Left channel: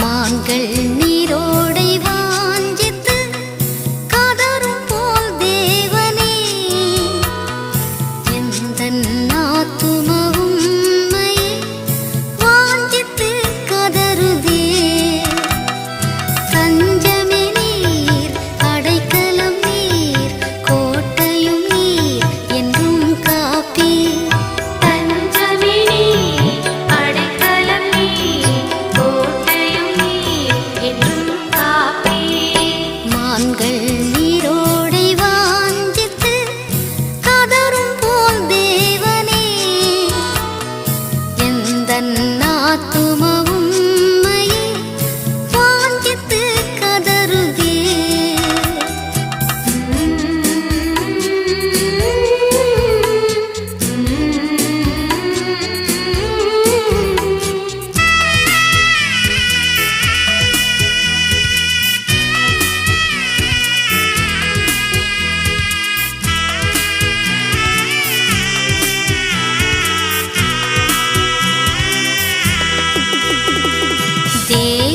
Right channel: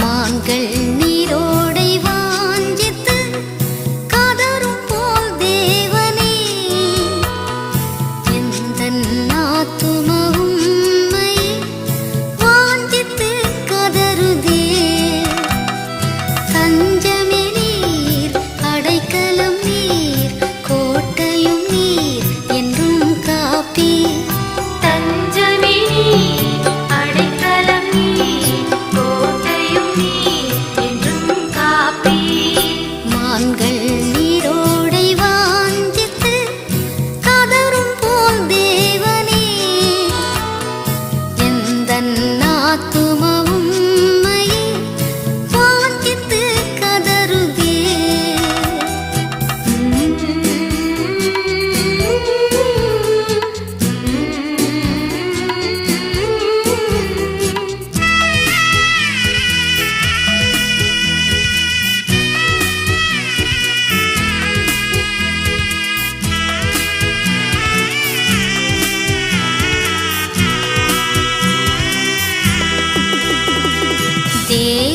மான்கள் நீரோடை வாஞ்சித்து கதரும் போல் தேவனே எந்தன் ஆத்துமா உம்மை வாஞ்சித்து கதறுதே. தஞ்சமே நீர், அடைக்கலம் நீர், கோட்டையும் நீர் என்றும் காப்பீர். மான்கள் நீரோடை வாஞ்சித்து கதரும் போல் தேவனே எந்தன் ஆத்துமா உம்மை வாஞ்சித்து கதறுதே. தேவ